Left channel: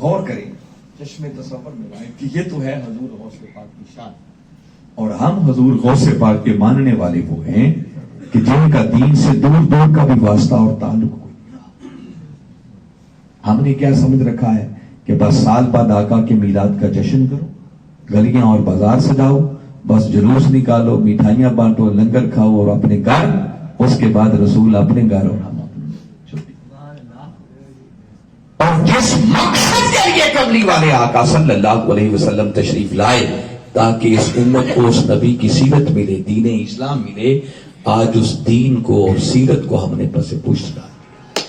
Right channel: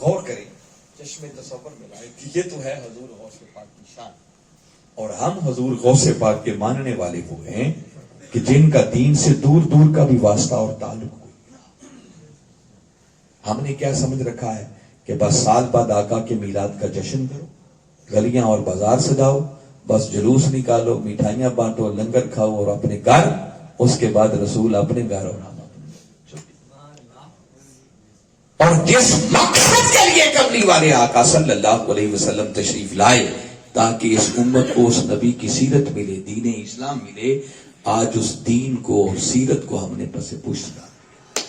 غور کریں، چشمے تصور میں لائیں کہ یہ تو ہے حضور غوث پاک کی شان، اور ہم حضور غوث پاک کے ماننے والے وہ ہیں کہ جن کا دین سے دور دور کا بھی واسطہ اور تعلق کوئی نہیں۔ ہم نے کیا سمجھ رکھا ہے کہ بس سال بعد آقا کے میلاد کا جشن کرو، گلیاں اور بازار سجاؤ، بس جلوس نکالو، مٹھائیاں بانٹو، لنگر کھاؤ اور اپنے گھر، اس کے بعد رسول اپنے گھر اور ہم اپنے گھر۔ اور جس مقصد کے لیے کملی والے آقا صلی اللہ علیہ وسلم تشریف لائے تاکہ اس امت کو اس نبی کی سیرت ملے، دین اسلام ملے، آج اس دین کو اور سیرت کو ہم نے پس پشت ڈال دیا۔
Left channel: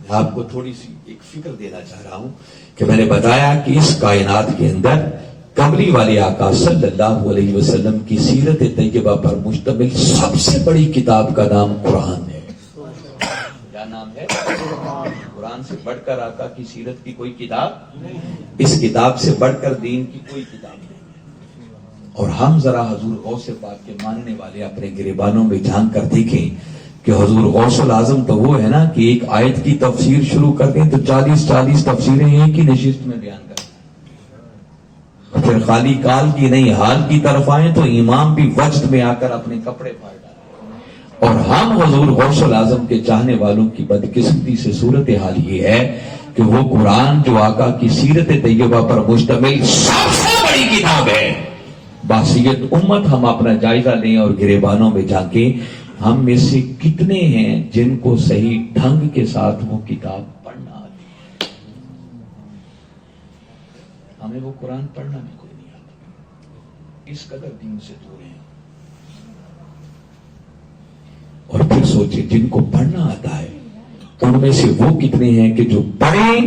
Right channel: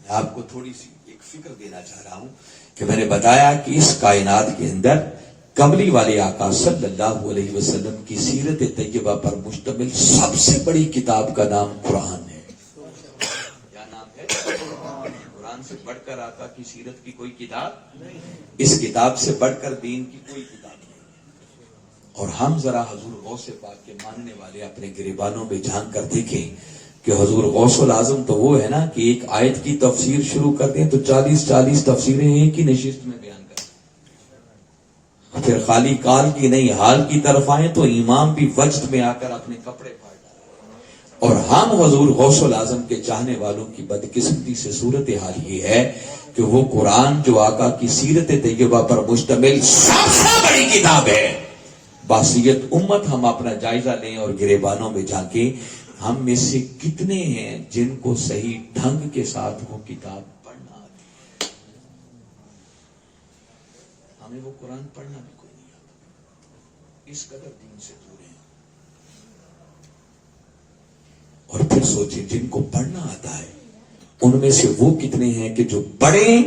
میں آپ کو تھوڑی سی ایک فکر دینا چاہ رہا ہوں کہ میں نے بتایا کہ اس کائنات کے اندر کملی والے آقا صلی اللہ علیہ وسلم کی سیرت طیبہ پر مشتمل سب سے بڑی کتاب کا نام قرآن ہے۔ کیا نام ہے؟ قرآن سے بڑھ کر آقا کی سیرت کی کوئی کتاب نہیں، اس کتاب سے بڑھ کر دین کی کوئی کتاب نہیں۔ اور ہم ذرا حضور غوث پاک کے ماننے والے اپنے گریبانوں میں جھانک کر دیکھیں کہ حضور غوث العظم تو وہ ہے نا کہ ایک آیت کی تفسیر شروع کر دیں تو 40 تفسیریں ایک ہی نشست میں بیان کر دیں، پھر خالی کال کی نہیں حال کی طرف آئیں تو امام بھی وجد میں آ کر اپنے کپڑے پھاڑ ڈالیں۔ اور ہم حضور غوث العظم کے چاہنے والوں کی بدقسمتی سے صورتحال یہ ہے کہ وہ قرآن جو آقا کی سیرت طیبہ پر مشتمل سب سے بڑی کتاب ہے، باسیت امت ہم اپنا جائزہ لیں اور گریبانوں میں جھانکیں، ہم میں سے کتنے ہیں جن کو صحیح ڈھنگ کے ساتھ وہ کتاب پڑھنا آتی ہے؟ ہمیں وہ قرآن پڑھنا بھی کوئی نہیں آتا، اس قدر دین سے دور ہیں۔ اور پھر سوچیں جن کو پڑھنا آتا ہے ان میں سے وہ کتنے ہیں کہ جو پڑھیں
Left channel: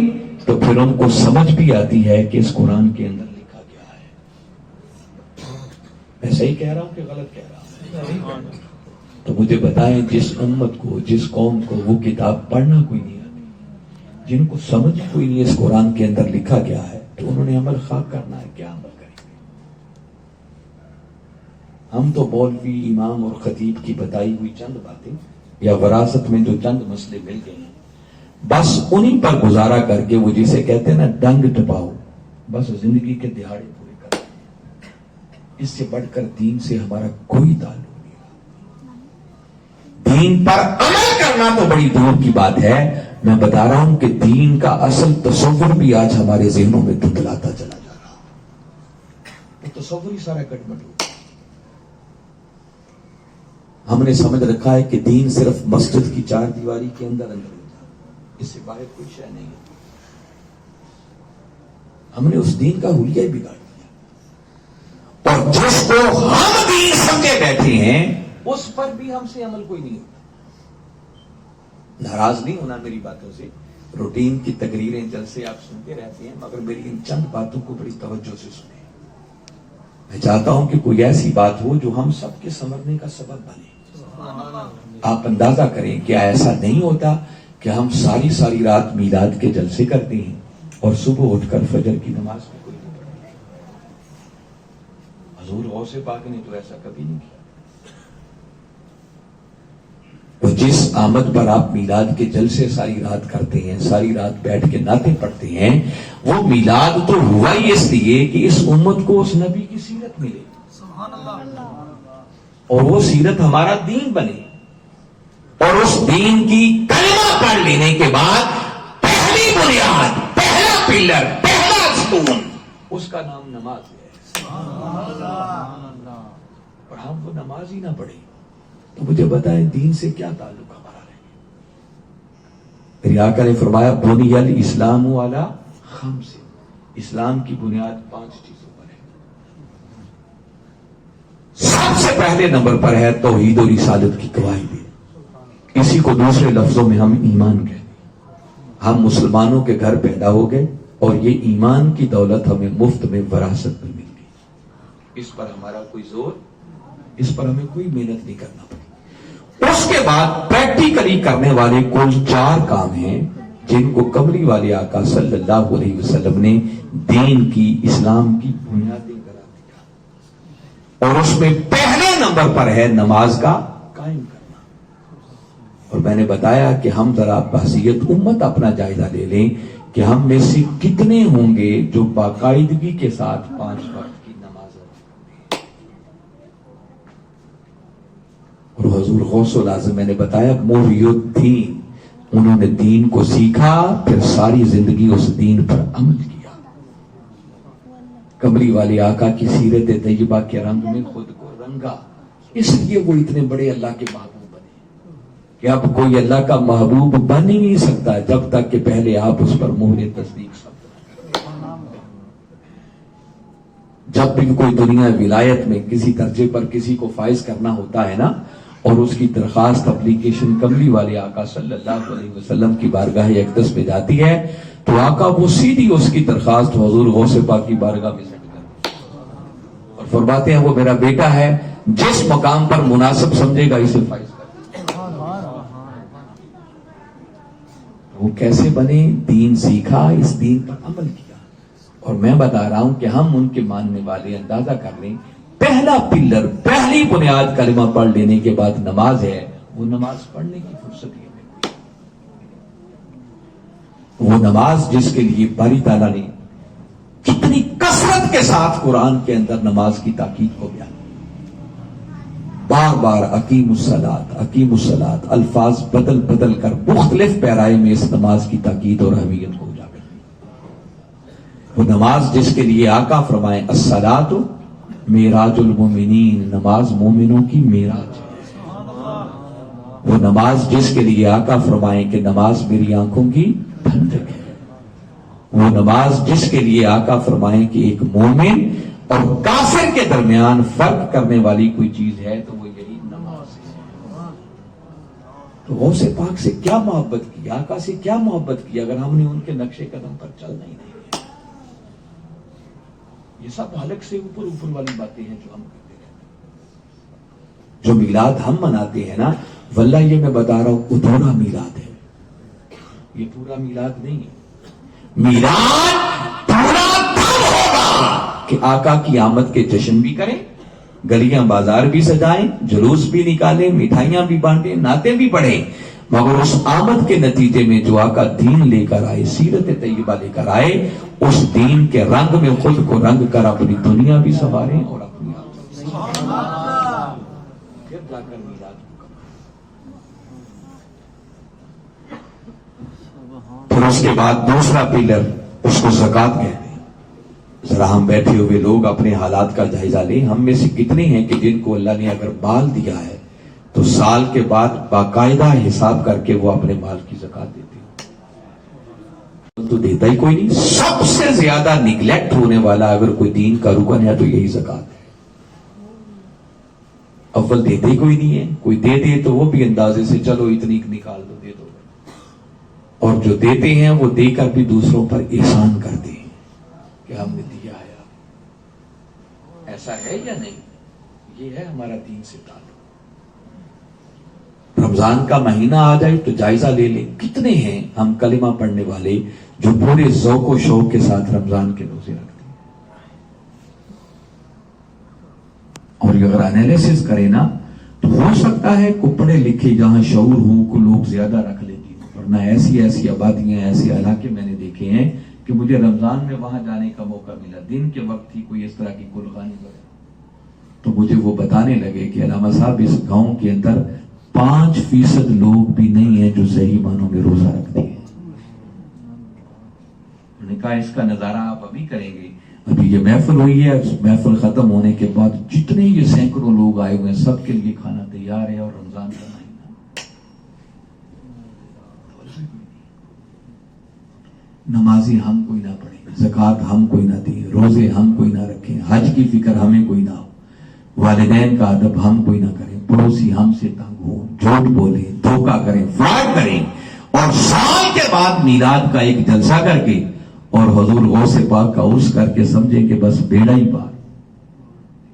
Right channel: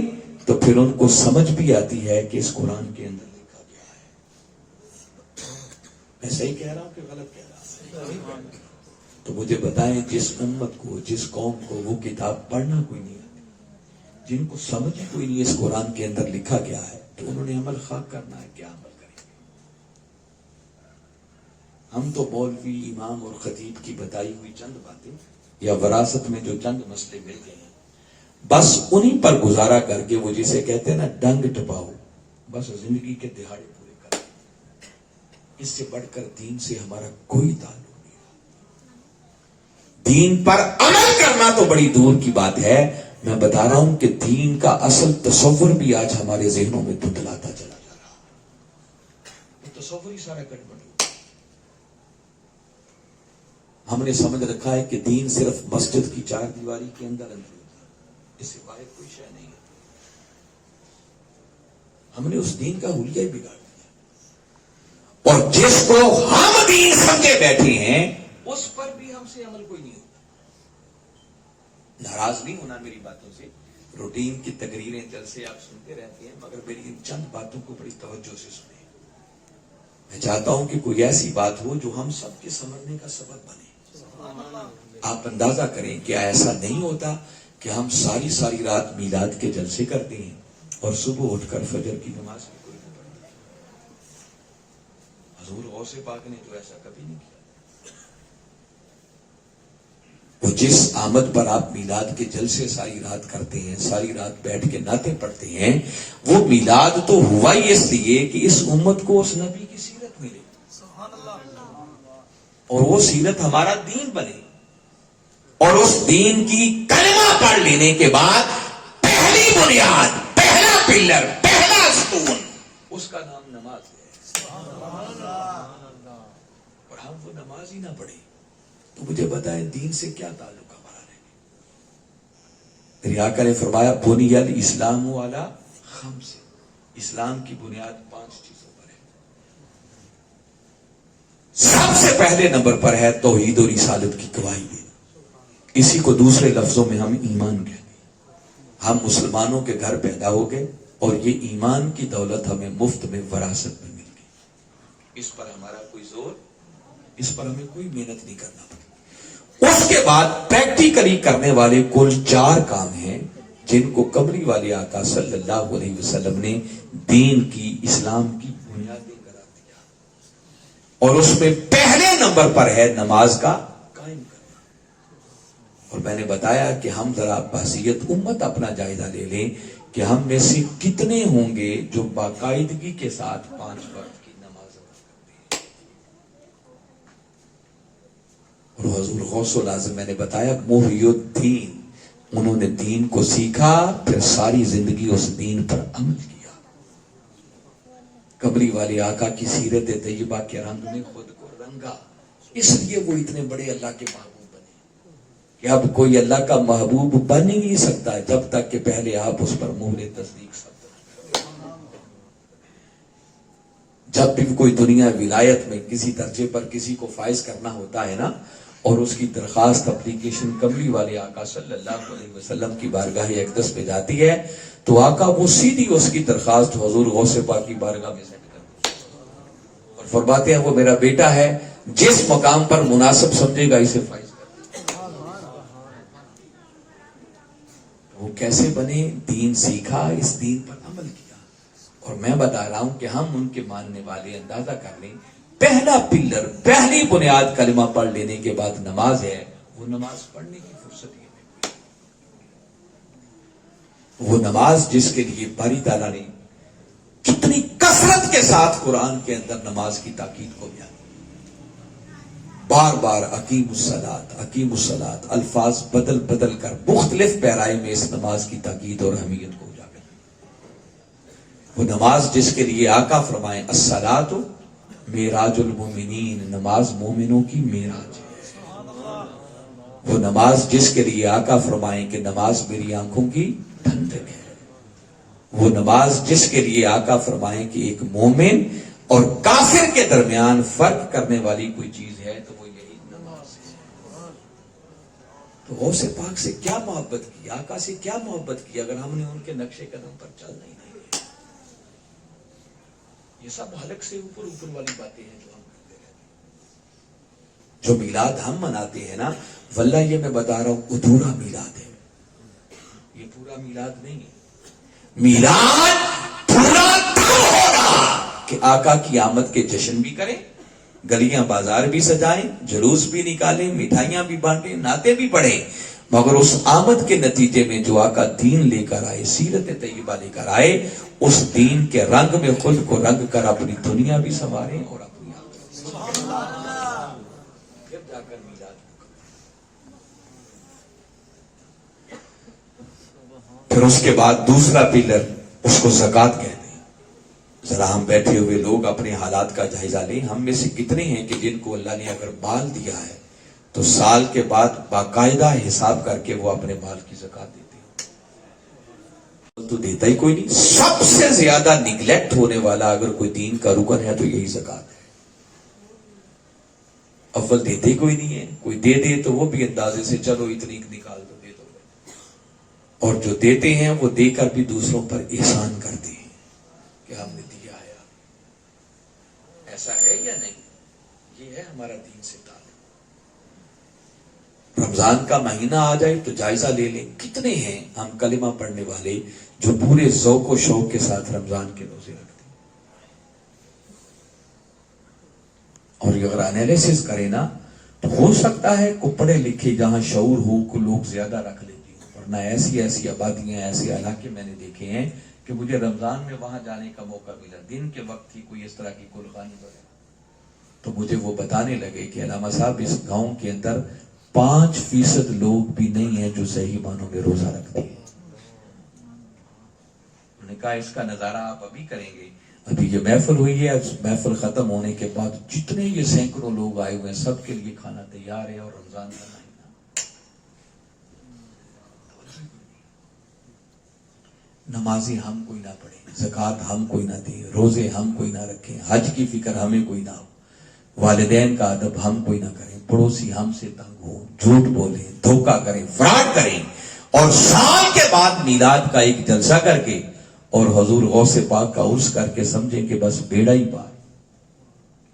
تو پھر ان کو سمجھ بھی آتی ہے کہ اس قرآن کے اندر لکھا گیا ہے۔ میں صحیح کہہ رہا ہوں کہ غلط کہہ رہا ہوں؟ تو مجھے بتائیں جس امت کو، جس قوم کو وہ کتاب پڑھنا کوئی نہیں آتی، جن کو سمجھ کوئی نہیں اس قرآن کے اندر لکھا گیا ہے، تو انہوں نے عمل خاک کرنا ہے، کیا عمل کریں گے؟ ہم تو مولوی، امام اور خطیب کی بتائی ہوئی چند باتیں یا وراثت میں جو چند مسئلے مل گئے ہیں، بس انہی پر گزارا کر کے وہ جسے کہتے ہیں نا ڈنگ ٹپاؤ، بس زندگی کے دہاڑے پورے کر دیں۔ اس سے بڑھ کر دین سے ہمارا کوئی تعلق، دین پر عمل کرنا تو بڑی دور کی بات ہے۔ میں بتا رہا ہوں کہ دین کا اصل تصور بھی آج ہمارے ذہنوں میں دھندلاتا چلا جا رہا ہے، وہ تصور ہی سارا گڑبڑ ہو۔ ہم نے سمجھ رکھا ہے کہ دین صرف مسجد کی چار دیواری کے اندر ہوتا ہے، اس سے باہر کوئی شے نہیں ہے۔ ہم نے اس دین کا حلیہ بگاڑ دیا، اور جس کو ہم دین سمجھے بیٹھے ہیں اس پر بھی ہم سے عمل کوئی نہیں ہوتا۔ ناراض نہیں ہونا میری باتوں سے، روٹین کی تقریریں جلسے آپ سنتے رہتے ہیں، مگر میری ان چند باتوں کو بڑی توجہ سے سنیں۔ میں چاہتا ہوں کہ کوئی ایسی بات ہو جو ہم سب کے سنورنے کا سبب بنے۔ آپ اندازہ کریں کیا ایسا نہیں ہوتا کہ ہم ساری رات میلاد کے جلسے کرتے ہیں اور صبح اٹھ کر فجر کی نماز بھی کوئی نہیں پڑھتے؟ حضور غوث پاک نے تو ایسا کبھی نہیں کیا۔ تو جس آمد پر آپ میلاد کے جلسے ساری رات کرتے ہیں، ساری رات بیٹھ کے نعتیں پڑھتے ہیں، وہ میلاد تو ہوا ہی اس لیے کہ اس امت کو اس نبی کی سیرت ملے، اور وہ سیرت ہمارا دین بنے، اور اس دین کی کلمہ پڑھ لینے کے بعد پہلی بنیاد، پہلا پلر، پہلا ستون، اس کا نام نماز ہے۔ اور ہم وہ نماز ہی نہ پڑھیں تو مجھے بتائیں دین سے کیا تعلق ہمارا رہے گا؟ میرے آقا نے فرمایا بنی الاسلام علی خمس، اسلام کی بنیاد 5 چیزوں پر ہے۔ سب سے پہلے نمبر پر ہے توحید و رسالت کی گواہی دے، اسی کو دوسرے لفظوں میں ہم ایمان کہتے ہیں۔ ہم مسلمانوں کے گھر پیدا ہو گئے اور یہ ایمان کی دولت ہمیں مفت میں وراثت میں مل گئی، اس پر ہمارا کوئی زور، اس پر ہمیں کوئی محنت نہیں کرنا پڑی۔ اس کے بعد پریکٹیکلی کرنے والے کل 4 کام ہیں جن کو کملی والے آقا صلی اللہ علیہ وسلم نے دین کی، اسلام کی بنیادیں قرار دیا، اور اس میں پہلے نمبر پر ہے نماز کا قائم کرنا۔ اور میں نے بتایا کہ ہم ذرا بحثیت امت اپنا جائزہ لے لیں کہ ہم میں سے کتنے ہوں گے جو باقاعدگی کے ساتھ 5 وقت کی نماز ادا کرتے ہیں۔ اور حضور غوث العظم میں نے بتایا محی الدین، انہوں نے دین کو سیکھا، پھر ساری زندگی اس دین پر عمل کیا۔ قمری والے آقا کی سیرت طیبہ کے رنگ میں خود کو رنگا، اس لیے وہ اتنے بڑے اللہ کے محبوب بنے کہ اب کوئی اللہ کا محبوب بن ہی نہیں سکتا جب تک کہ پہلے آپ اس پر مہر تصدیق سب۔ جب بھی کوئی دنیا ولایت میں کسی درجے پر کسی کو فائز کرنا ہوتا ہے نا، اور اس کی درخواست اپلیکیشن قمری والے آقا صلی اللہ علیہ وسلم کی بارگاہ اقدس پہ جاتی ہے تو آقا وہ سیدھی اس کی درخواست حضور غوث پاک کی بارگاہ میں سینڈ کرتے ہیں اور فرماتے ہیں وہ میرا بیٹا ہے، جس مقام پر مناسب سمجھے گا اسے فائز کر۔ وہ کیسے بنے؟ دین سیکھا، اس دین پر عمل کیا۔ اور میں بتا رہا ہوں کہ ہم ان کے ماننے والے اندازہ کر لیں، پہلا پلر، پہلی بنیاد کلمہ پڑھ لینے کے بعد نماز ہے، وہ نماز پڑھنے کی فرصت ہی نہیں، وہ نماز جس کے لیے باری تعالیٰ نے کتنی کثرت کے ساتھ قرآن کے اندر نماز کی تاکید کو بیان، بار بار اقیم الصلاۃ الفاظ بدل بدل کر مختلف پیرائے میں اس نماز کی تاکید اور اہمیت کو اجاگر کیا۔ وہ نماز جس کے لیے آقا فرمائیں الصلاۃ معراج المومنین، نماز مومنوں کی معراج ہے۔ وہ نماز جس کے لیے آقا فرمائیں کہ نماز میری آنکھوں کی ٹھنڈک ہے۔ وہ نماز جس کے لیے آقا فرمائیں کہ ایک مومن اور کافر کے درمیان فرق کرنے والی کوئی چیز ہے تو وہ یہی نماز ہے۔ تو غوث پاک سے کیا محبت کی، آقا سے کیا محبت کی اگر ہم نے ان کے نقش قدم پر چلنا ہی نہیں۔ یہ سب حلق سے اوپر والی باتیں ہیں جو ہم کرتے ہیں۔ جو میلاد ہم مناتے ہیں نا، واللہ یہ میں بتا رہا ہوں ادھورا میلاد ہے، یہ پورا میلاد نہیں ہے۔ میلاد پورا تب ہوگا کہ آقا کی آمد کے جشن بھی کریں، گلیاں بازار بھی سجائیں، جلوس بھی نکالیں، مٹھائیاں بھی بانٹیں، نعتیں بھی پڑھیں، مگر اس آمد کے نتیجے میں جو آقا دین لے کر آئے، سیرت طیبہ لے کر آئے، اس دین کے رنگ میں خود کو رنگ کر اپنی دنیا بھی سنواریں اور اپنی پھر جا کر میلاد پھر اس کے بعد دوسرا پلر اس کو زکوٰۃ کہتے ہیں۔ ذرا ہم بیٹھے ہوئے لوگ اپنے حالات کا جائزہ لیں، ہم میں سے کتنے ہیں کہ جن کو اللہ نے اگر مال دیا ہے تو سال کے بعد باقاعدہ حساب کر کے وہ اپنے مال کی زکوٰۃ دیتے ہیں؟ تو دیتا ہی کوئی نہیں۔ سب سے زیادہ نگلیکٹ ہونے والا اگر کوئی دین کا رکن ہے تو یہی زکوٰۃ ہے۔ اول دیتے ہی کوئی نہیں ہے، کوئی دے دے تو وہ بھی اندازے سے چلو اتنی نکال دو، دے دو، اور جو دیتے ہیں وہ دے کر بھی دوسروں پر احسان کرتے ہیں کہ ہم نے دیا ہے۔ ایسا ہے یا نہیں؟ یہ ہے ہمارا دین سے تعلق۔ رمضان کا مہینہ آ جائے تو جائزہ لے لیں، کتنے ہیں ہم کلمہ پڑھنے والے جو پورے ذوق و شوق کے ساتھ رمضان کے روزے رکھتے ہیں۔ اور اگر انالیسس کریں نا تو ہو سکتا ہے کو پڑھے لکھے جہاں شعور ہو کو لوگ زیادہ رکھ لیں گے، ورنہ ایسی آبادیاں، ایسے علاقے میں نے دیکھے ہیں کہ مجھے رمضان میں وہاں جانے کا موقع ملا، دن کے وقت ہی کوئی اس طرح کی گلخانی کرے تو مجھے وہ بتانے لگے کہ علامہ صاحب اس گاؤں کے اندر 5% لوگ بھی نہیں ہیں جو صحیح معنوں میں روزہ رکھتے ہیں۔ انہوں نے کہا اس کا نظارہ آپ ابھی کریں گے، ابھی یہ محفل ہوئی ہے، محفل ختم ہونے کے بعد جتنے یہ سینکڑوں لوگ آئے ہوئے ہیں سب کے لیے کھانا تیار ہے، اور رمضان کا مہینہ، نمازی ہم کوئی نہ پڑھیں، زکوٰۃ ہم کوئی نہ دیں، روزے ہم کوئی نہ رکھیں، حج کی فکر ہمیں کوئی نہ ہو، والدین کا ادب ہم کوئی نہ کریں، پڑوسی ہم سے تنگ ہو، جھوٹ بولیں، دھوکہ کریں، فراڈ کریں، اور سال کے بعد میلاد کا ایک جلسہ کر کے اور حضور غوث پاک کا عرس کر کے سمجھیں کہ بس بیڑا ہی پار۔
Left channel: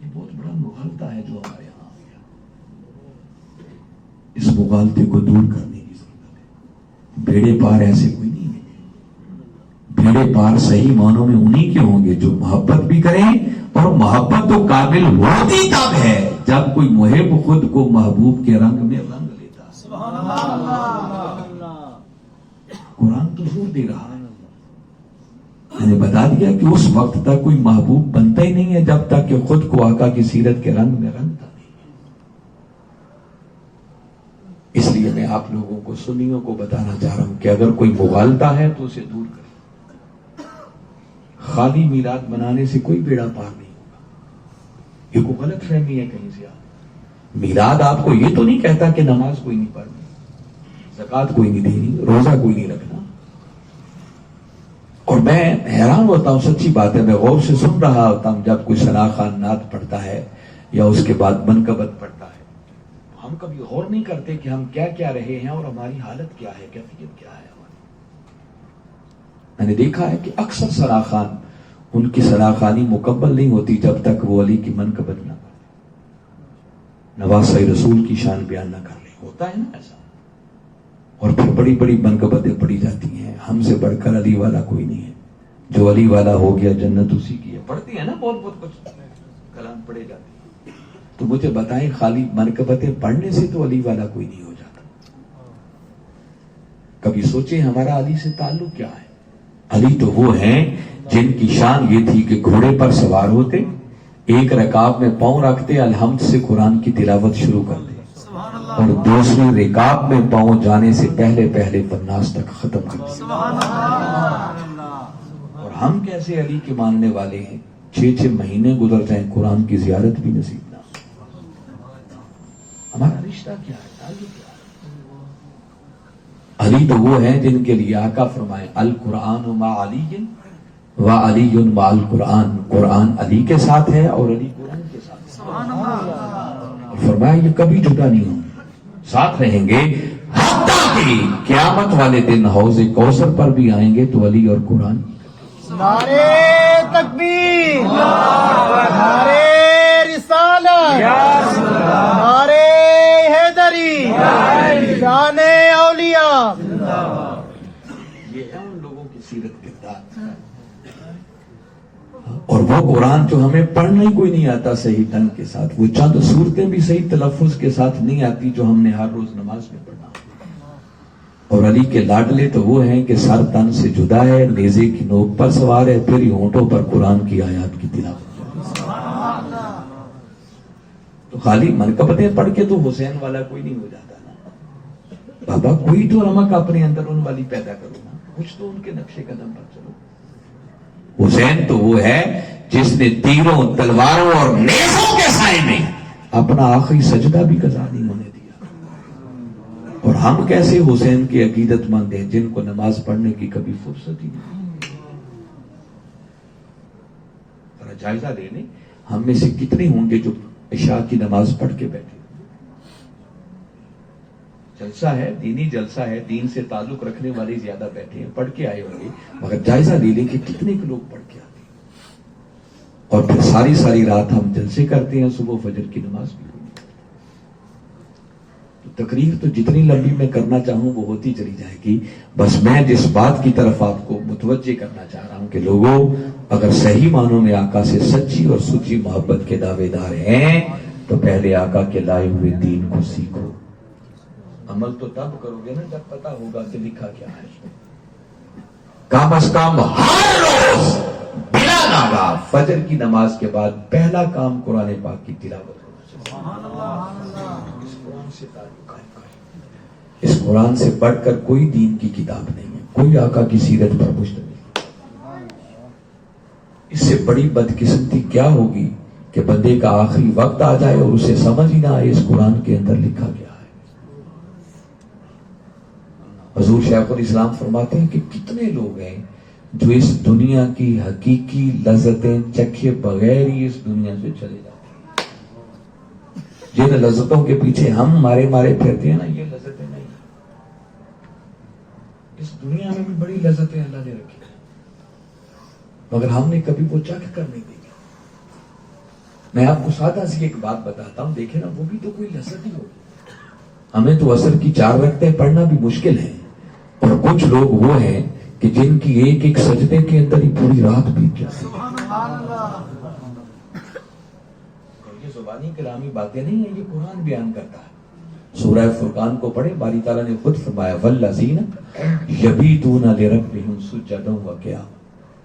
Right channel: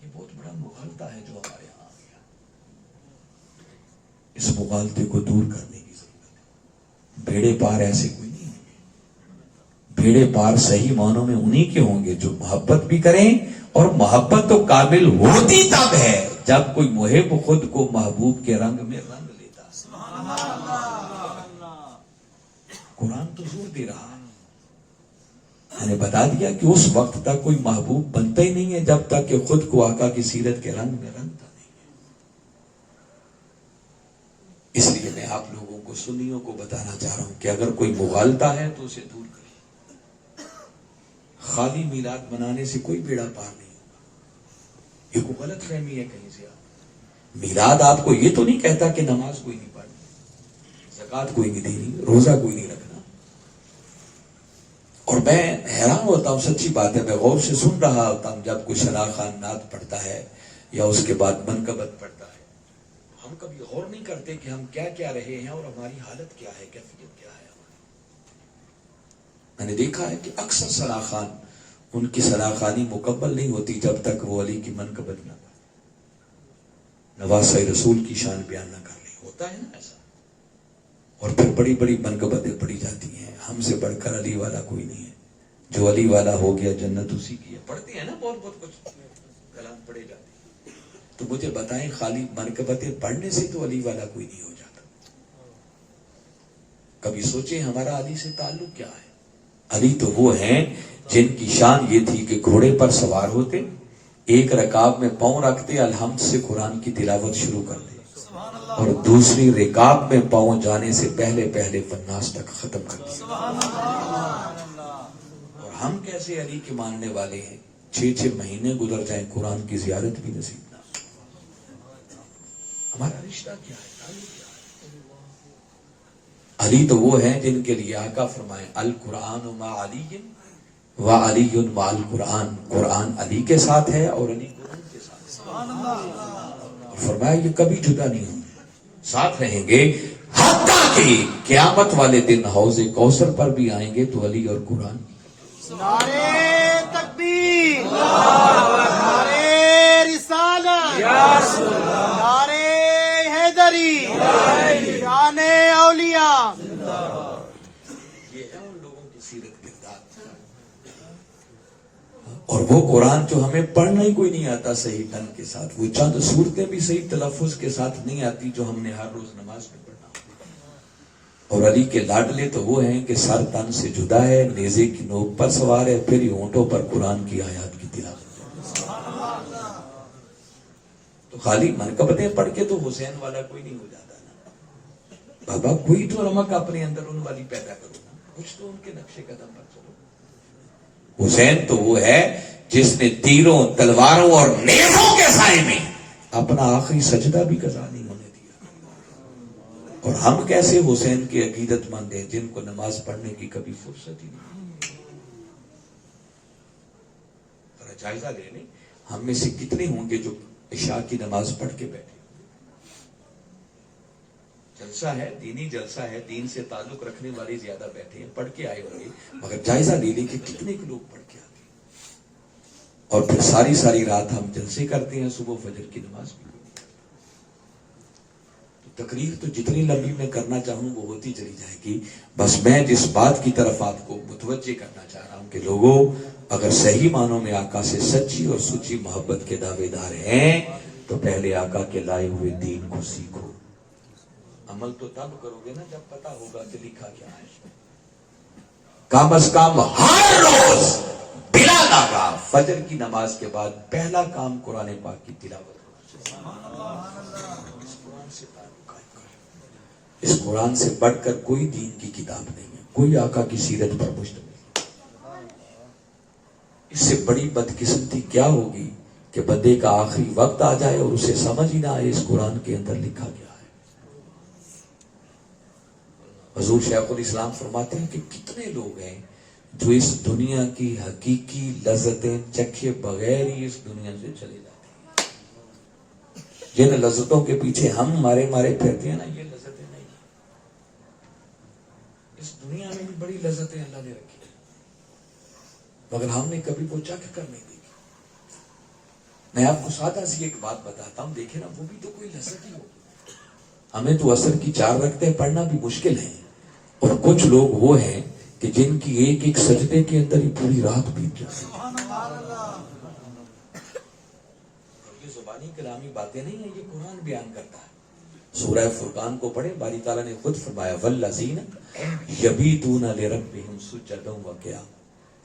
یہ بہت بڑا مغالطہ ہے جو ہمارے یہاں آ گیا، اس مغالطے کو دور کرنے کی ضرورت ہے۔ بیڑے پار ایسے کوئی نہیں ہوں گے، بیڑے پار صحیح معنوں میں انہی کے ہوں گے جو محبت بھی کریں، اور محبت تو کامل ہوتی تب ہے جب کوئی محب خود کو محبوب کے رنگ میں رنگ لیتا۔ قرآن تو زور دے رہا ہے. میں نے بتا دیا کہ اس وقت تک کوئی محبوب بنتا ہی نہیں ہے جب تک کہ خود کو آقا کی سیرت کے رنگ میں رنگتا نہیں ہے. اس لیے میں آپ لوگوں کو سنیوں کو بتانا چاہ رہا ہوں کہ اگر کوئی مغالطہ ہے تو اسے دور کریں. خالی میلاد منانے سے کوئی بیڑا پار نہیں ہوگا. یہ کوئی غلط فہمی ہے کہیں سے. میلاد آپ کو یہ تو نہیں کہتا کہ نماز کوئی نہیں پڑھنی, زکوٰۃ کوئی نہیں دینی, روزہ کوئی نہیں رکھنا. اور میں حیران ہوتا ہوں, سچی بات ہے, میں غور سے سن رہا ہوتا ہوں جب کوئی ثنا خان نعت پڑھتا ہے یا اس کے بعد منقبت پڑھتا ہے, ہم کبھی غور نہیں کرتے کہ ہم کیا کیا رہے ہیں اور ہماری حالت کیا ہے, کیفیت کیا ہے ہماری. میں نے دیکھا ہے کہ اکثر ثنا خان, ان کی ثنا خوانی مکمل نہیں ہوتی جب تک وہ علی کی منقبت نہ پڑھے, نواسہ رسول کی شان بیان نہ کر لے. ہوتا ہے نا ایسا. اور پھر بڑی بڑی منقبتیں پڑھی جاتی ہیں. ہم سے بڑھ کر علی والا کوئی نہیں ہے. جو علی والا ہو گیا جنت اسی کی ہے. پڑھتی ہے نا بہت بہت کچھ کلام پڑھے جاتے ہیں. تو مجھے بتائیں, خالی منقبتیں پڑھنے سے تو علی والا کوئی نہیں ہو جاتا. کبھی سوچیں ہمارا علی سے تعلق کیا ہے. علی تو وہ ہیں جن کی شان یہ تھی کہ گھوڑے پر سوار ہوتے, ایک رکاب میں پاؤں رکھتے, الحمد سے قرآن کی تلاوت شروع کرتے, اور دوسری رکاب میں پاؤں جانے سے پہلے پہلے والناس تک ختم کرتے. اور ہم کیسے علی کے ماننے والے ہیں, 6 مہینے گزر جائیں قرآن کی زیارت بھی نصیب نہ. ہمارا رشتہ کیا ہے, تعلق کیا ہے. علی تو وہ ہیں جن کے لیے آقا فرمائے القرآن مع علی و علی مع القرآن. قرآن علی کے ساتھ ہے اور علی قرآن کے ساتھ ہے. اور فرمایا یہ کبھی جدا نہیں ہوں, ساتھ رہیں گے حتیٰ کہ قیامت والے دن حوض کوثر پر بھی آئیں گے تو علی اور قرآن. نعرے تکبیر, نعرے رسالت, نعرے حیدری, شان اولیاء. یہ ہے ان لوگوں کی سیرت کردار. اور وہ قرآن جو ہمیں پڑھنا ہی کوئی نہیں آتا صحیح ڈھنگ کے ساتھ, وہ چند صورتیں بھی صحیح تلفظ کے ساتھ نہیں آتی جو ہم نے ہر روز نماز میں پڑھنا. اور علی کے لاڈلے تو وہ ہیں کہ سر تن سے جدا ہے, نیزے کی نوک پر سوار ہے, پھر ہونٹوں پر قرآن کی آیات کی تلاوت. تو خالی منقبتیں پڑھ کے تو حسین والا کوئی نہیں ہو جاتا نا بابا. کوئی تو رمق اپنے اندر ان والی پیدا کرو نا, کچھ تو ان کے نقشے قدم پر چلو. حسین تو وہ ہے جس نے تیروں, تلواروں اور نیزوں کے سائے میں اپنا آخری سجدہ بھی قضا نہیں ہونے دیا. اور ہم کیسے حسین کے عقیدت مند ہیں جن کو نماز پڑھنے کی کبھی فرصت ہی نہیں. ذرا جائزہ لے لیں, ہم میں سے کتنے ہوں گے جو عشاء کی نماز پڑھ کے بیٹھے. جلسہ ہے, دینی جلسہ ہے, دین سے تعلق رکھنے والے زیادہ بیٹھے ہیں, پڑھ کے آئے ہوں گے, مگر جائزہ لے لیں کہ کتنے لوگ پڑھ کے آتے ہیں. اور پھر ساری رات ہم جلسے کرتے ہیں, صبح فجر کی نماز بھی. تقریر تو جتنی لمبی میں کرنا چاہوں وہ ہوتی چلی جائے گی. بس میں جس بات کی طرف آپ کو متوجہ کرنا چاہ رہا ہوں کہ لوگوں, اگر صحیح معنوں میں آقا سے سچی اور سچی محبت کے دعوے دار ہیں تو پہلے آقا کے لائے ہوئے دین کو سیکھو. عمل تو تب کرو گے نا جب پتا ہوگا کہ لکھا کیا ہے. کم از کم ہر روز بلا ناغہ فجر کی نماز کے بعد پہلا کام قرآن پاک کی تلاوت ہونا چاہیے. اس قرآن سے بڑھ کر کوئی دین کی کتاب نہیں ہے, کوئی آقا کی سیرت پر مشتمل. اس سے بڑی بدقسمتی کیا ہوگی کہ بندے کا آخری وقت آ جائے اور اسے سمجھ ہی نہ آئے اس قرآن کے اندر لکھا گیا ہے. حضور شیخ الاسلام فرماتے ہیں کہ کتنے لوگ ہیں جو اس دنیا کی حقیقی لذتیں چکھے بغیر ہی اس دنیا سے چلے جاتے ہیں. جن لذتوں کے پیچھے ہم مارے پھرتے ہیں نا, یہ لذتیں نہیں. اس دنیا میں بھی بڑی لذتیں اللہ نے رکھی مگر ہم نے کبھی وہ چکھ کر نہیں دیکھی. میں آپ کو سادہ سی ایک بات بتاتا ہوں, دیکھیں نا, وہ بھی تو کوئی لذت ہی ہوگی. ہمیں تو عصر کی 4 رکعتیں پڑھنا بھی مشکل ہے, اور کچھ لوگ وہ ہیں کہ جن کی ایک سجدے کے اندر ہی پوری رات بیت جاتی ہے. اور یہ زبانی کلامی باتیں نہیں ہیں, یہ قرآن بیان کرتا ہے. سورہ فرقان کو پڑھے، باری تعالیٰ نے خود فرمایا والذین یبیتون لربہم سجدا وقیاما،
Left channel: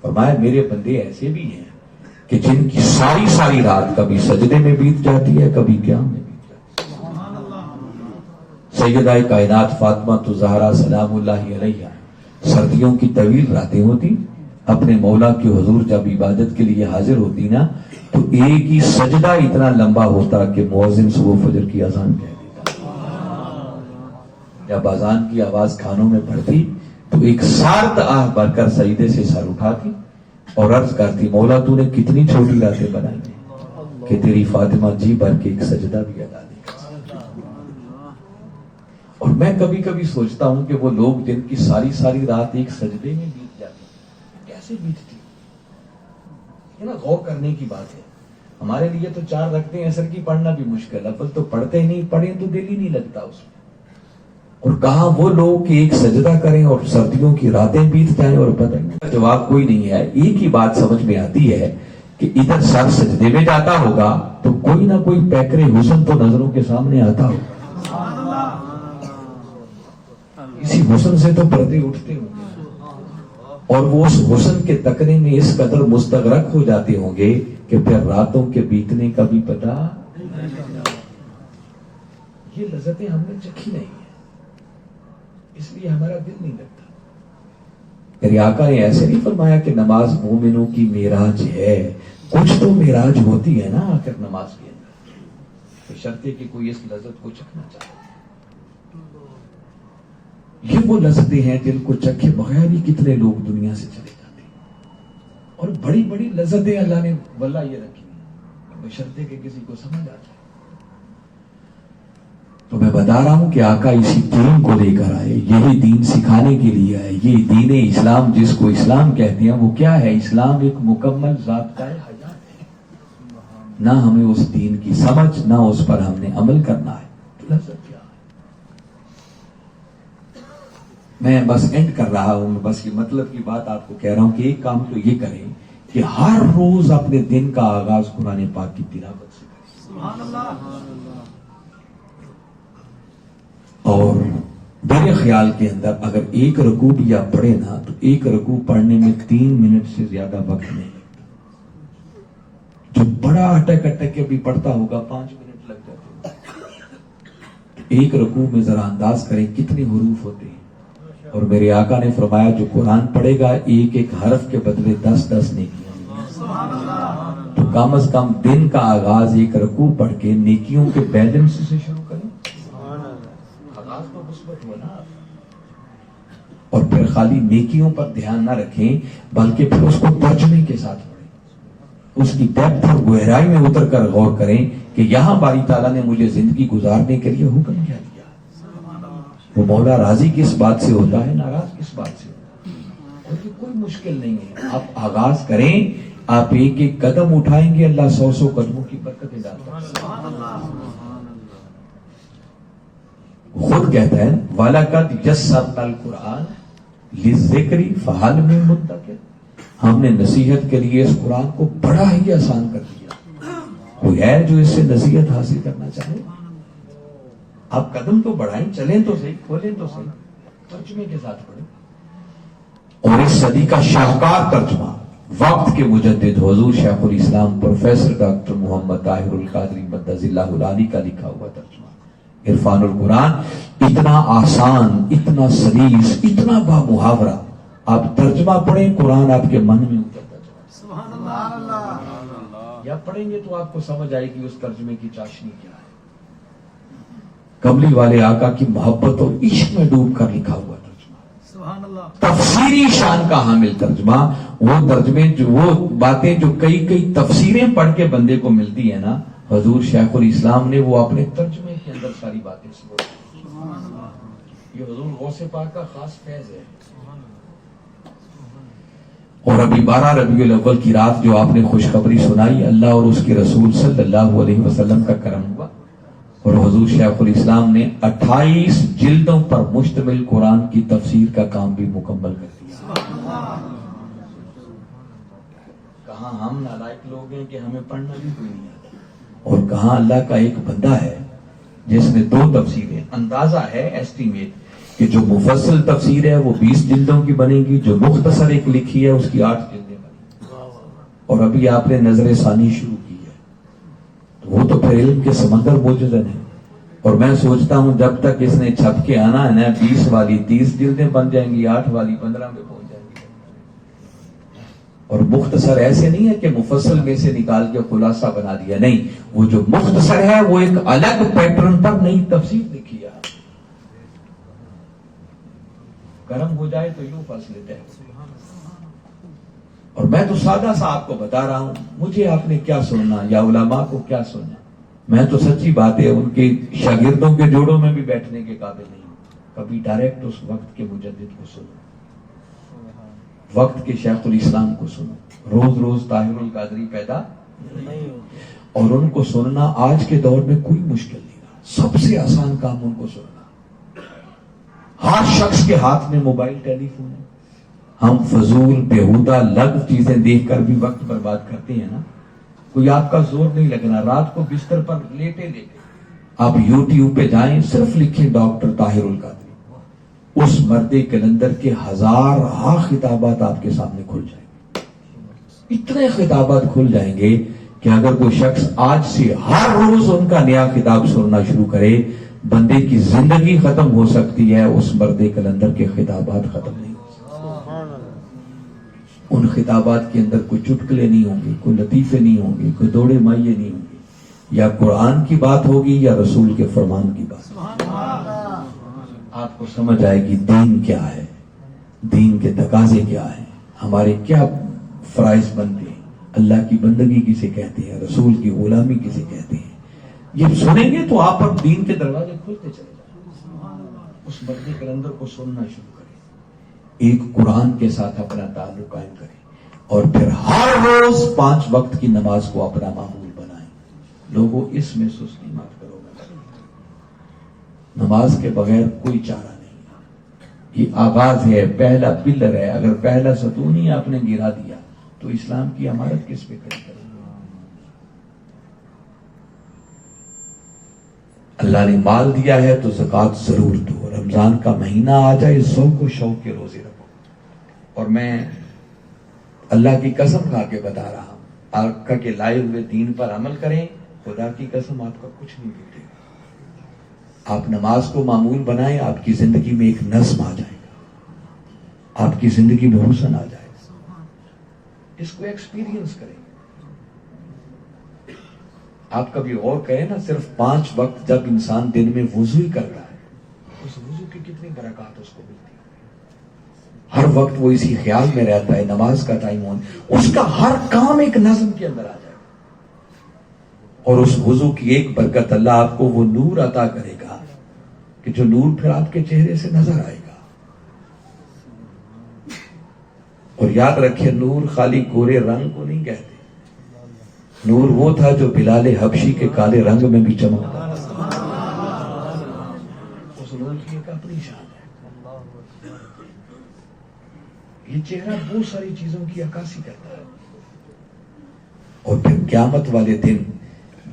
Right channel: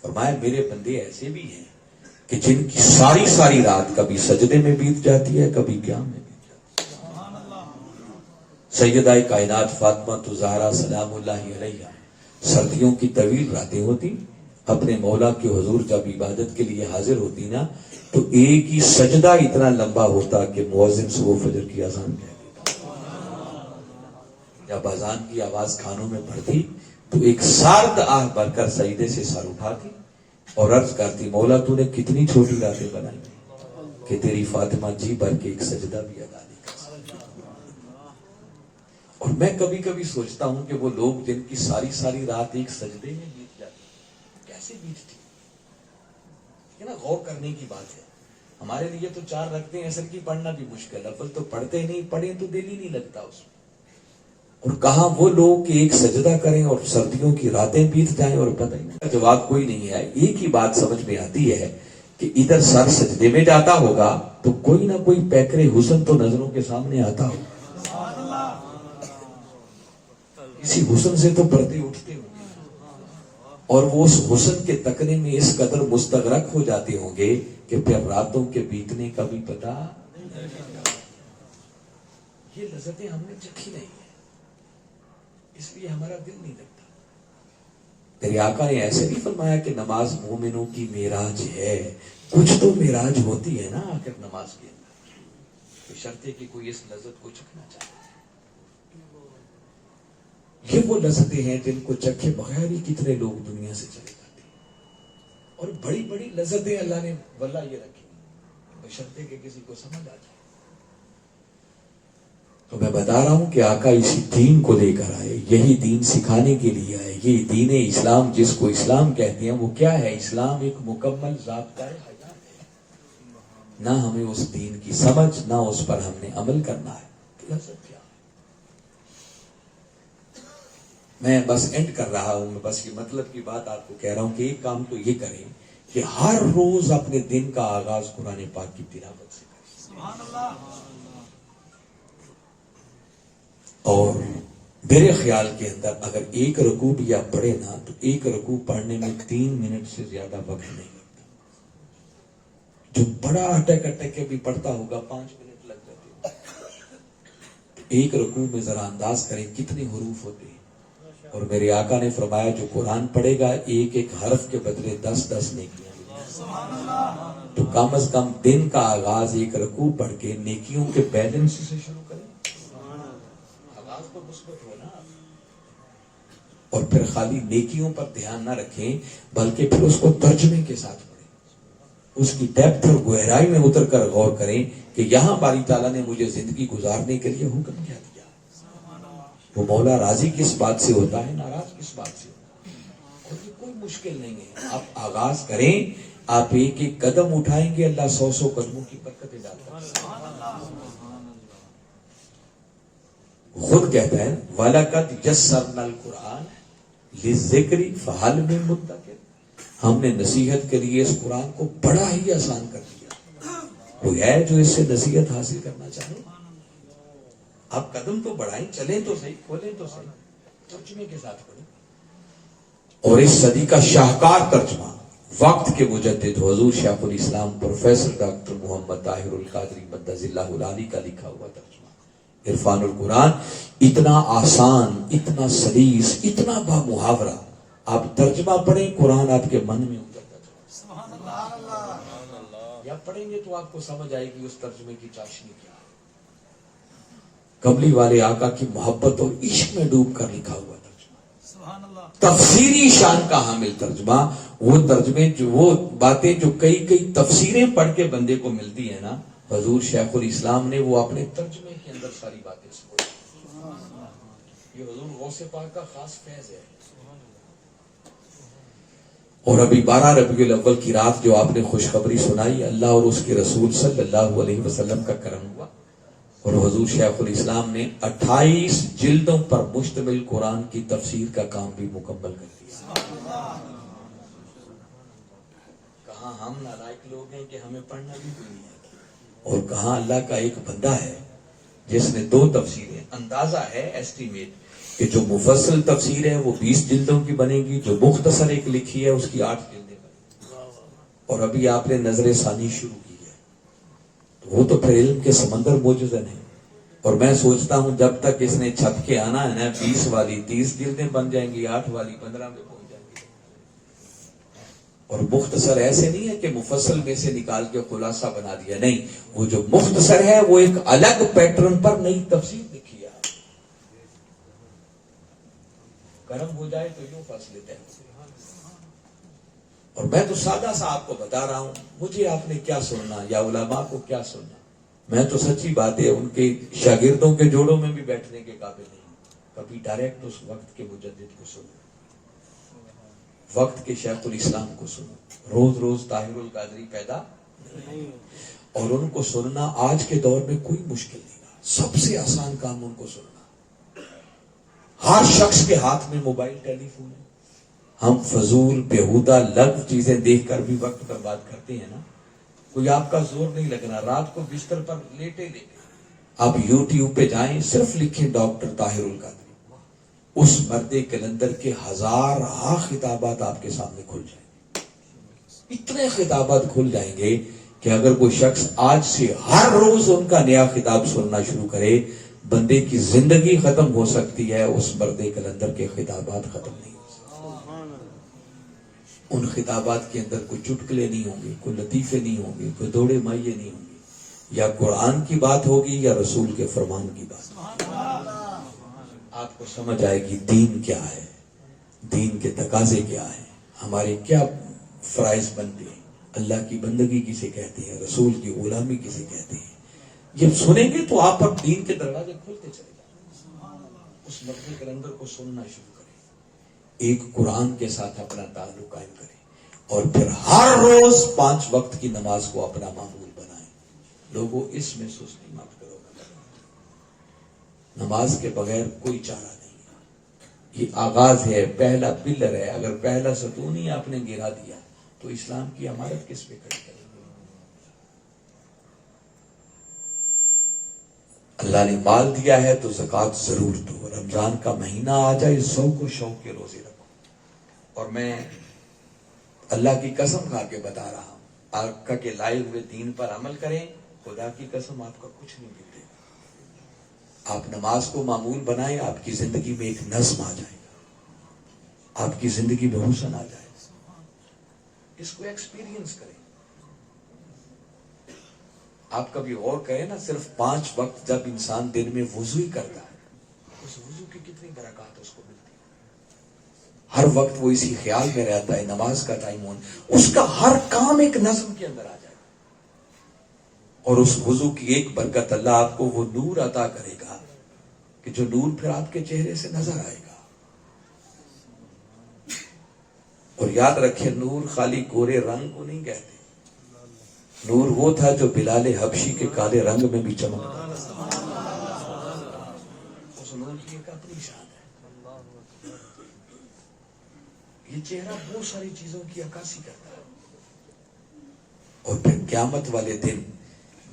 فرمایا میرے بندے ایسے بھی ہیں کہ جن کی ساری ساری رات کبھی سجدے میں بیت جاتی ہے، کبھی قیام میں بیت جاتی ہے۔ سیدہ کائنات فاطمہ الزہرا سلام اللہ علیہا سردیوں کی طویل راتیں ہوتی، اپنے مولا کے حضور جب عبادت کے لیے حاضر ہوتی نا تو ایک ہی سجدہ اتنا لمبا ہوتا کہ مؤذن صبح فجر کی اذان کہہ دیتا۔ جب اذان کی آواز کانوں میں پڑتی تو ایک سارت آہ بھر کر سجدے سے سر اٹھاتی اور عرض کرتی مولا تو نے کتنی چھوٹی راتیں بنائی ہیں کہ تیری فاطمہ جی بھر کے ایک سجدہ بھی ادا نہیں کر سکتی۔ اور میں کبھی کبھی سوچتا ہوں کہ وہ لوگ جن کی ساری ساری رات ایک سجدے میں بیت جاتی کیسے بیتتی، یہ نا غور کرنے کی بات ہے۔ ہمارے لیے تو 4 رکعتیں عصر کی پڑھنا بھی مشکل ہے، تو پڑھتے نہیں، پڑھیں تو دل ہی نہیں لگتا اس میں۔ اور کہاں وہ لوگ کہ ایک سجدہ کریں اور سردیوں کی راتیں بیت جائیں اور پتہ نہیں۔ جواب کوئی نہیں ہے، ایک ہی بات سمجھ میں آتی ہے کہ ادھر سر سجدے میں جاتا ہوگا تو کوئی نہ کوئی پیکر حسن تو نظروں کے سامنے آتا ہوگا، اسی حسن سے تو پردے اٹھتے ہوں گے اور وہ اس حسن کے تکنے میں اس قدر مستغرق ہو جاتے ہوں گے کہ پھر راتوں کے بیتنے کا بھی پتہ۔ یہ لذتیں ہم نے چکھی نہیں ہیں، اس لیے ہمارا دل نہیں لگتا۔ میرے آقا نے ایسے نہیں فرمایا کہ نماز مومنوں کی معراج ہے، کچھ تو معراج ہوتی ہے نا آخر نماز کے اندر، بشرطے کہ کوئی اس لذت کو چکھنا چاہے۔ یہ وہ لذتیں ہیں جن کو چکھے بغیر ہی کتنے لوگ دنیا سے چلے جاتے ہیں، اور بڑی بڑی لذتیں اللہ نے واللہ یہ رکھی ہیں، بشرطے کہ کسی کو سمجھ آ جائے۔ تو میں بتا رہا ہوں کہ آقا اسی دین کو لے کر آئے، یہی دین سکھانے کے لیے آئے، یہ دین اسلام جس کو اسلام کہتے ہیں وہ کیا ہے؟ اسلام ایک مکمل ضابطۂ حیات ہے، نہ ہمیں اس دین کی سمجھ، نہ اس پر ہم نے عمل کرنا ہے تو لذت کیا ہے؟ میں بس اینڈ کر رہا ہوں، بس یہ مطلب کی بات آپ کو کہہ رہا ہوں کہ ایک کام تو یہ کریں کہ ہر روز اپنے دن کا آغاز قرآن پاک کی تلاوت سے کریں۔ سبحان اللہ۔ اور میرے خیال کے اندر اگر ایک رکوع بھی آپ پڑھے نا تو ایک رکوع پڑھنے میں 3 منٹ سے زیادہ وقت نہیں لگتا، جو بڑا اٹک اٹک کے بھی پڑھتا ہوگا 5 منٹ لگ جاتے ہیں۔ ایک رکوع میں ذرا انداز کریں کتنے حروف ہوتے ہیں، اور میرے آقا نے فرمایا جو قرآن پڑھے گا ایک ایک حرف کے بدلے 10 نیکیاں، تو کم از کم دن کا آغاز ایک رکوع پڑھ کے نیکیوں کے بیلنس سے شروع کریں، آغاز تو مثبت ہو نا، اور پھر خالی نیکیوں پر دھیان نہ رکھیں بلکہ پھر اس کو ترجمے کے ساتھ پڑھیں، اس کی ڈیپتھ اور گہرائی میں اتر کر غور کریں کہ یہاں باری تعالیٰ نے مجھے زندگی گزارنے کے لیے حکم کیا دیا، وہ مولا راضی کس بات سے ہوتا ہے، ناراض کس بات سے ہوتا ہے، اور یہ کوئی مشکل نہیں ہے۔ آپ آغاز کریں، آپ ایک ایک قدم اٹھائیں گے اللہ 100 قدموں کی برکتیں ڈالتا ہے۔ خود کہتا ہے وَلَقَدْ يَسَّرْنَا الْقُرْآنَ لِلذِّكْرِ فَهَلْ مِن مُدَّكِرٍ، ہم نے نصیحت کے لیے اس قرآن کو بڑا ہی آسان کر دیا، کوئی ہے جو اس سے نصیحت حاصل کرنا چاہے؟ آپ قدم تو بڑھائیں، چلیں تو صحیح، کھولیں تو صحیح، ترجمے کے ساتھ پڑھیں۔ اور اس صدی کا شاہکار ترجمہ وقت کے مجدد حضور شیخ الاسلام پروفیسر ڈاکٹر محمد طاہر القادری مدظ اللہ العالی کا لکھا ہوا ترجمہ عرفان القرآن، اتنا آسان، اتنا سلیس، اتنا با محاورہ، آپ ترجمہ پڑھیں قرآن آپ کے من میں اترتا جائے۔ سبحان اللہ۔ یا پڑھیں گے تو آپ کو سمجھ آئے گی اس ترجمے کی چاشنی کیا ہے۔ کملی والے آقا کی محبت اور عشق میں ڈوب کر لکھا ہوا ترجمہ، تفسیری شان کا حامل ترجمہ، وہ ترجمے وہ باتیں جو کئی تفسیریں پڑھ کے بندے کو ملتی ہیں نا، حضور شیخ الاسلام نے وہ اپنے ترجمے کے اندر ساری باتیں سمجھی۔ یہ حضور غوث پاک کا خاص فیض ہے۔ اور ابھی 12 ربیع الاول کی رات جو آپ نے خوشخبری سنائی، اللہ اور اس کے رسول صلی اللہ علیہ وسلم کا کرم ہوا اور حضور شیخ الاسلام نے 28 جلدوں پر مشتمل قرآن کی تفسیر کا کام بھی مکمل کر دیا۔ کہاں ہم نالائق لوگ ہیں کہ ہمیں پڑھنا بھی کوئی نہیں آتا، اور کہاں اللہ کا ایک بندہ ہے جس نے 2 تفسیریں، اندازہ ہے ایسٹیمیٹ کہ جو مفصل تفسیر ہے وہ 20 جلدوں کی بنے گی، جو مختصر ایک لکھی ہے اس کی 8 جلدیں بنیں گی، اور ابھی آپ نے نظر ثانی شروع کی ہے، تو وہ تو پھر علم کے سمندر موجزن ہے۔ اور میں سوچتا ہوں جب تک اس نے چھپ کے آنا ہے نا، 20 والی 30 جلدیں بن جائیں گی، 8 والی 15 میں پہنچ جائیں گی۔ اور مختصر ایسے نہیں ہے کہ مفصل میں سے نکال کے خلاصہ بنا دیا، نہیں، وہ جو مختصر ہے وہ ایک الگ پیٹرن پر نئی تفسیر لکھی ہے۔ گرم ہو جائے تو یوں پھنس لیتے ہیں۔ اور میں تو سادہ سا آپ کو بتا رہا ہوں، مجھے آپ نے کیا سننا یا علماء کو کیا سننا، میں تو سچی بات ہے ان کے شاگردوں کے جوڑوں میں بھی بیٹھنے کے قابل نہیں ہوں۔ کبھی ڈائریکٹ اس وقت کے مجدد کو سنو، وقت کے شیخ الاسلام کو سنو، روز روز طاہر القادری پیدا نہیں، اور ان کو سننا آج کے دور میں کوئی مشکل نہیں رہا، سب سے آسان کام ان کو سننا۔ ہر شخص کے ہاتھ میں موبائل ٹیلی فون ہے، ہم فضول بیہودہ لغو چیزیں دیکھ کر بھی وقت برباد کرتے ہیں نا۔ کوئی آپ کا زور نہیں لگنا، رات کو بستر پر لیٹے لیٹے آپ یوٹیوب پہ جائیں، صرف لکھیں ڈاکٹر طاہر القادری، اس مرد کلندر کے 1000 خطابات آپ کے سامنے کھل جائیں گے۔ اتنے خطابات کھل جائیں گے کہ اگر کوئی شخص آج سے ہر روز ان کا نیا خطاب سننا شروع کرے، بندے کی زندگی ختم ہو سکتی ہے، اس مرد کلندر کے خطابات ختم نہیں ہو سکتے۔ ان خطابات کے اندر کوئی چٹکلے نہیں ہوں گے، کوئی لطیفے نہیں ہوں گے، کوئی دوڑے مائیے نہیں ہوں گے، یا قرآن کی بات ہوگی یا رسول کے فرمان کی بات ہوگی۔ آپ کو سمجھ آئے گی دین کیا ہے، دین کے تقاضے کیا ہیں، ہمارے کیا فرائض بنتے ہیں، اللہ کی بندگی کسے کہتے ہیں، رسول کی غلامی کسے کہتے ہیں۔ جب سنیں گے تو آپ پر دین کے دروازے کھلتے چلے جائیں۔ اس مرد کلندر کو سننا شروع کریں، ایک قرآن کے ساتھ اپنا تعلق قائم کریں، اور پھر ہر روز 5 وقت کی نماز کو اپنا معمول بنائیں۔ لوگوں اس میں سستی مت کرو، نماز کے بغیر کوئی چارہ نہیں۔ یہ آغاز ہے، پہلا پلر ہے، اگر پہلا ستون ہی آپ نے گرا دیا تو اسلام کی عمارت کس پہ کھڑی کریں؟ اللہ نے مال دیا ہے تو زکوٰۃ ضرور دو، رمضان کا مہینہ آ جائے ذوق و شوق کے روزے رکھو۔ اور میں اللہ کی قسم کھا کے بتا رہا ہوں، آقا کے لائے ہوئے دین پر عمل کریں، خدا کی قسم آپ کا کچھ نہیں بگڑے گا۔ آپ نماز کو معمول بنائیں، آپ کی زندگی میں ایک نظم آ جائے گا، آپ کی زندگی میں حسن آ جائے گا۔ اس کو ایکسپیرینس کریں۔ آپ کبھی غور کریں نا، صرف 5 وقت جب انسان دن میں وضو ہی کرتا ہے، اس وضو کی کتنی برکات اس کو ملتی ہے۔ ہر وقت وہ اسی خیال میں رہتا ہے، نماز کا ٹائم ہونا، اس کا ہر کام ایک نظم کے اندر آ جائے گا، اور اس وضو کی ایک برکت اللہ آپ کو وہ نور عطا کرے گا کہ جو نور پھر آپ کے چہرے سے نظر آئے گا۔ اور یاد رکھیں، نور خالی گورے رنگ کو نہیں کہتے، نور وہ تھا جو بلال حبشی کے کالے رنگ میں بھی چمکتا تھا۔ اس نور کی ایک اپنی شان ہے، یہ چہرہ بہت ساری چیزوں کی عکاسی کرتا ہے۔ اور پھر قیامت والے دن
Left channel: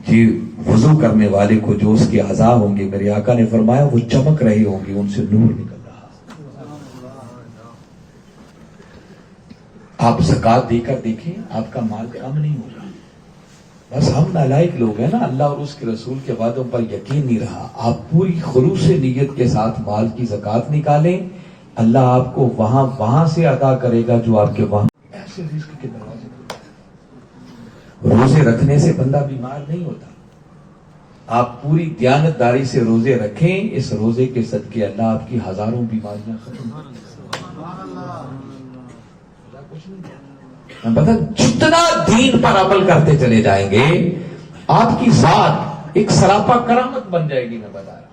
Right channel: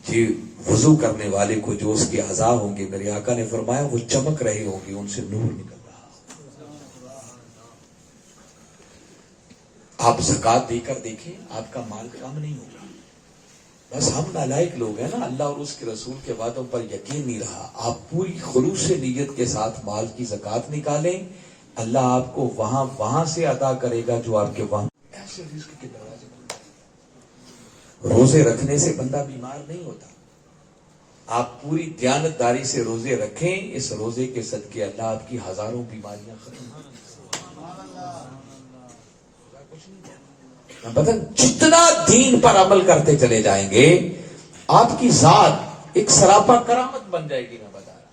جی وضو کرنے والے کو جو اس کے اعضاء ہوں گے، میرے آقا نے فرمایا وہ چمک رہے ہوں گے، ان سے نور نکل رہا۔ آپ زکوٰۃ دے کر دیکھیں، آپ کا مال کم نہیں ہوگا۔ بس ہم نالائق لوگ ہیں نا، اللہ اور اس کے رسول کے وعدوں پر یقین نہیں رہا۔ آپ پوری خلوص نیت کے ساتھ مال کی زکوٰۃ نکالیں، اللہ آپ کو وہاں سے عطا کرے گا جو آپ کے وہاں ایسے رزق کے دروازے کھلتے ہیں۔ روزے رکھنے سے بندہ بیمار نہیں ہوتا، آپ پوری دیانتداری سے روزے رکھیں، اس روزے کے صدقے اللہ آپ کی ہزاروں بیماریاں ختم کر دیں۔ پتہ جتنا دین پر عمل کرتے چلے جائیں گے، آپ کی ذات ایک سراپا کرامت بن جائے گی۔ میں بتا رہا ہوں،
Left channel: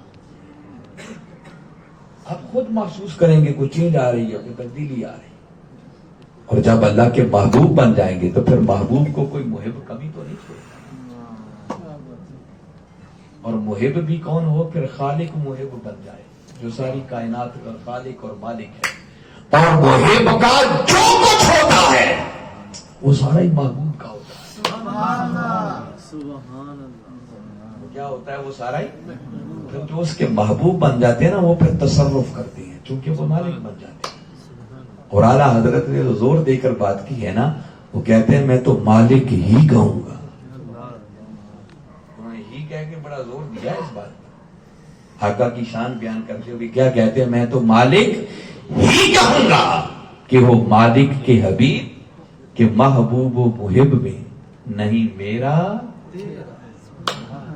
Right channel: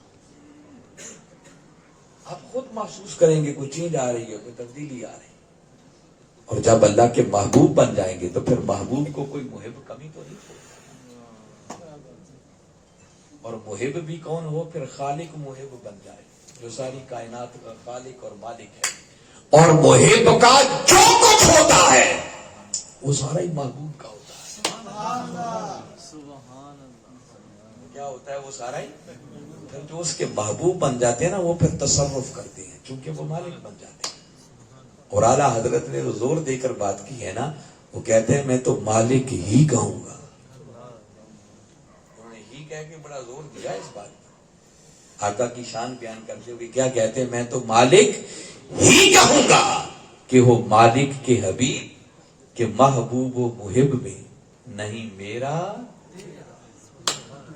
آپ خود محسوس کریں گے کوئی چینج آ رہی ہے، کوئی تبدیلی آ رہی ہے۔ اور جب اللہ کے محبوب بن جائیں گے تو پھر محبوب کو کوئی محب کمی تو نہیں چھوڑتا، اور محب بھی کون ہو، پھر خالق محب بن جائے، جو ساری کائنات کا خالق اور مالک ہے، اور محب کا جو کچھ ہوتا ہے وہ سارا ہی محبوب کا ہوتا ہے۔ سبحان اللہ، وہ کیا ہوتا ہے، وہ سارا ہی پھر جو اس کے محبوب بن جاتے ہیں نا وہ پھر تصرف کرتے ہیں چونکہ وہ مالک بن جاتے ہیں. اور اعلیٰ حضرت نے زور دے کر بات کی ہے نا, وہ کہتے ہیں میں تو مالک ہی کہوں گا. انہوں نے ہی کہہ کے بڑا زور دیا اس بات پر. آقا کی شان بیان کرتے ہوئے کیا کہتے ہیں, میں تو مالک ہی کہوں گا کہ وہ مالک کے حبیب کہ محبوب و محب میں نہیں میرا.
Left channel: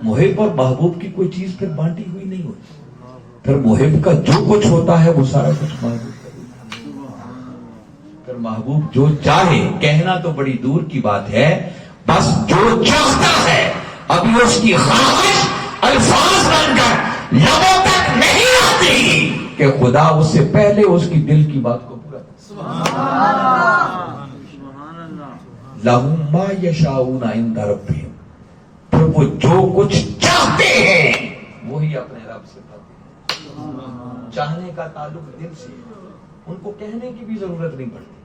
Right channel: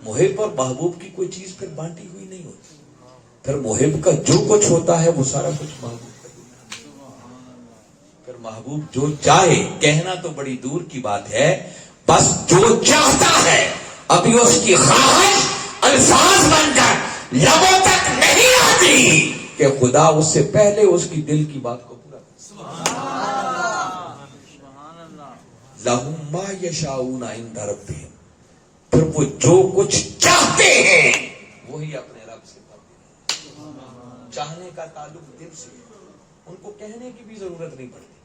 محب اور محبوب کی کوئی چیز پھر بانٹی ہوئی نہیں ہوتی. پھر محب کا جو کچھ ہوتا ہے وہ سارا کچھ محبوب کا ہوتا ہے. پھر محبوب جو چاہے, کہنا تو بڑی دور کی بات ہے, بس جو چاہتا ہے ابھی اس کی خواہش الفاظ بن کر لبوں تک نہیں آتی کہ خدا اس سے پہلے اس کی دل کی بات کو پورا کرے. لَهُم مَّا يَشَاءُونَ عِندَ رَبِّهِمْ, پھر وہ جو کچھ چاہتے ہیں وہی اپنے رب سے پاتے ہیں. چاہنے کا تعلق دل سے ہے, ان کو کہنے کی بھی ضرورت نہیں پڑتی.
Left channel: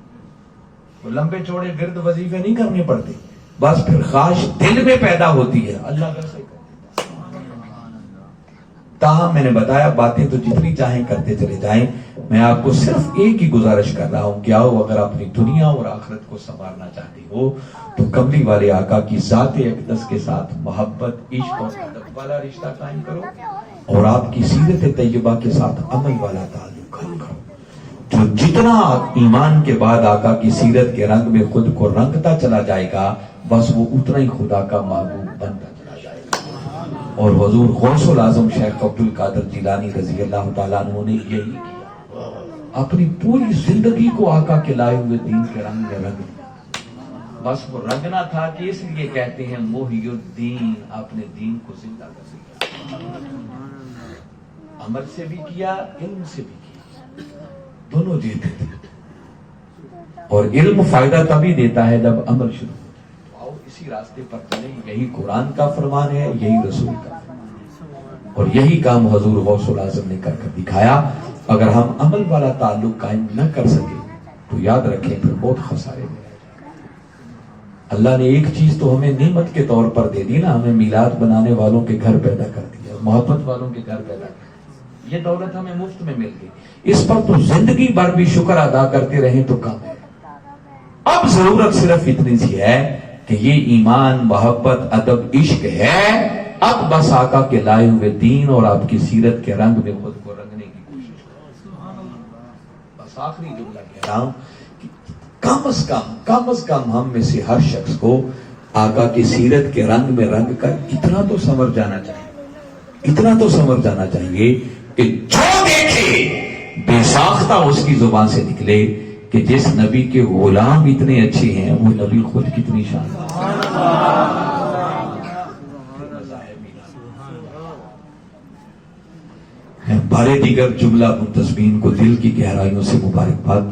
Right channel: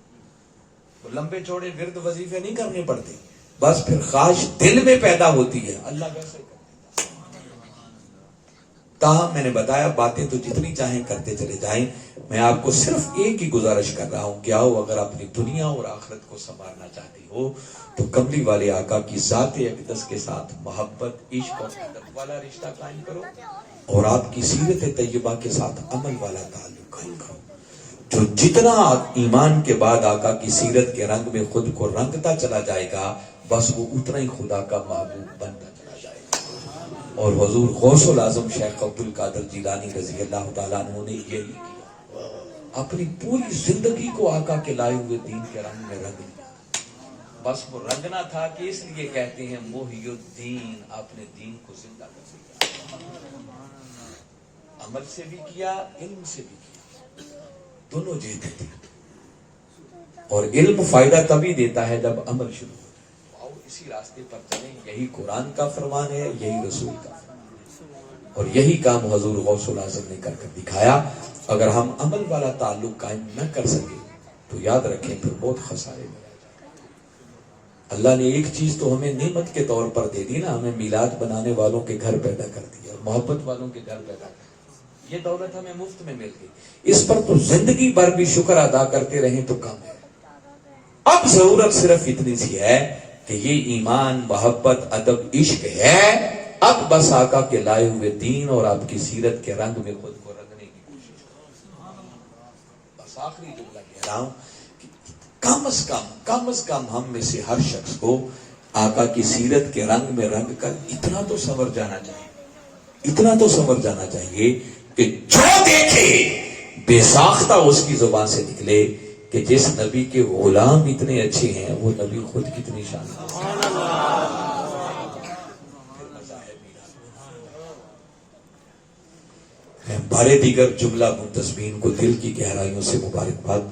وہ لمبے چوڑے ورد وظیفے نہیں کرنے پڑتے, بس پھر خواہش دل میں پیدا ہوتی ہے, اللہ ویسے ہی کر دیتا. تاہم میں نے بتایا باتیں تو جتنی چاہیں کرتے چلے جائیں, میں آپ کو صرف ایک ہی گزارش کر رہا ہوں, کیا ہو اگر اپنی دنیا اور آخرت کو سنوارنا چاہتی ہو تو کملی والے آقا کی ذات اقدس کے ساتھ محبت, عشق اور عادت والا رشتہ قائم کرو, اور آپ کی سیرت طیبہ کے ساتھ عمل والا تعلق قائم کرو. جو جتنا ایمان کے بعد آقا کی سیرت کے رنگ میں خود کو رنگتا چلا جائے گا, بس وہ اتنا ہی خدا کا محبوب بنتا چلا جائے گا. اور حضور غوث الاعظم شیخ عبد القادر جیلانی رضی اللہ تعالیٰ عنہ نے یہی کیا, اپنی پوری زندگی کو آقا کے لائے ہوئے دین کے رنگ میں رنگ دیا. بس وہ رنگنا تھا کہ اس لیے کہتے ہیں محی الدین, اپنے دین کو زندہ کر دیا. عمل سے بھی کیا, علم سے بھی کیا, دونوں دیتے تھے. اور علم فائدہ تبھی دیتا ہے جب عمل شروع ہو جائے. آؤ اسی راستے پر چلیں, یہی قرآن کا فرمان ہے, یہی رسول کا فرمان ہے, اور یہی کام حضور غوث الاعظم نے کر دکھایا. اگر ہم عمل والا تعلق قائم نہ کر سکے تو یاد رکھیں پھر بہت خسارے میں. اللہ نے ایک چیز تو ہمیں نعمت کے طور پر دے دی نا, ہمیں میلاد بنانے والوں کے گھر پیدا کر دیا, محبت والوں کے گھر پیدا کر دیا. یہ دولت ہمیں مفت میں مل گئی, اس پر تو زندگی بھر بھی شکر ادا کرتے رہیں تو کم ہے. اب ضرورت صرف اتنی سی ہے کہ یہ ایمان, محبت, ادب, عشق ہے, اب بس آقا کے لائے ہوئے دین اور آپ کی سیرت کے رنگ میں خود کو رنگنے کی کوشش کرو. بس آخری جملہ کہہ رہا ہوں کہ کم از کم ہم میں سے ہر شخص کو آقا کی سیرت کے رنگ میں رنگ کر اتنا تو سنور جانا چاہیے کہ جو دیکھے بے ساختہ اس کی زبان سے نکلے کہ جس نبی کے غلام اتنے اچھے ہیں وہ نبی خود کتنی شاندار. بارے دیگر جملہ منتسبین کو دل کی گہرائیوں سے مبارکباد.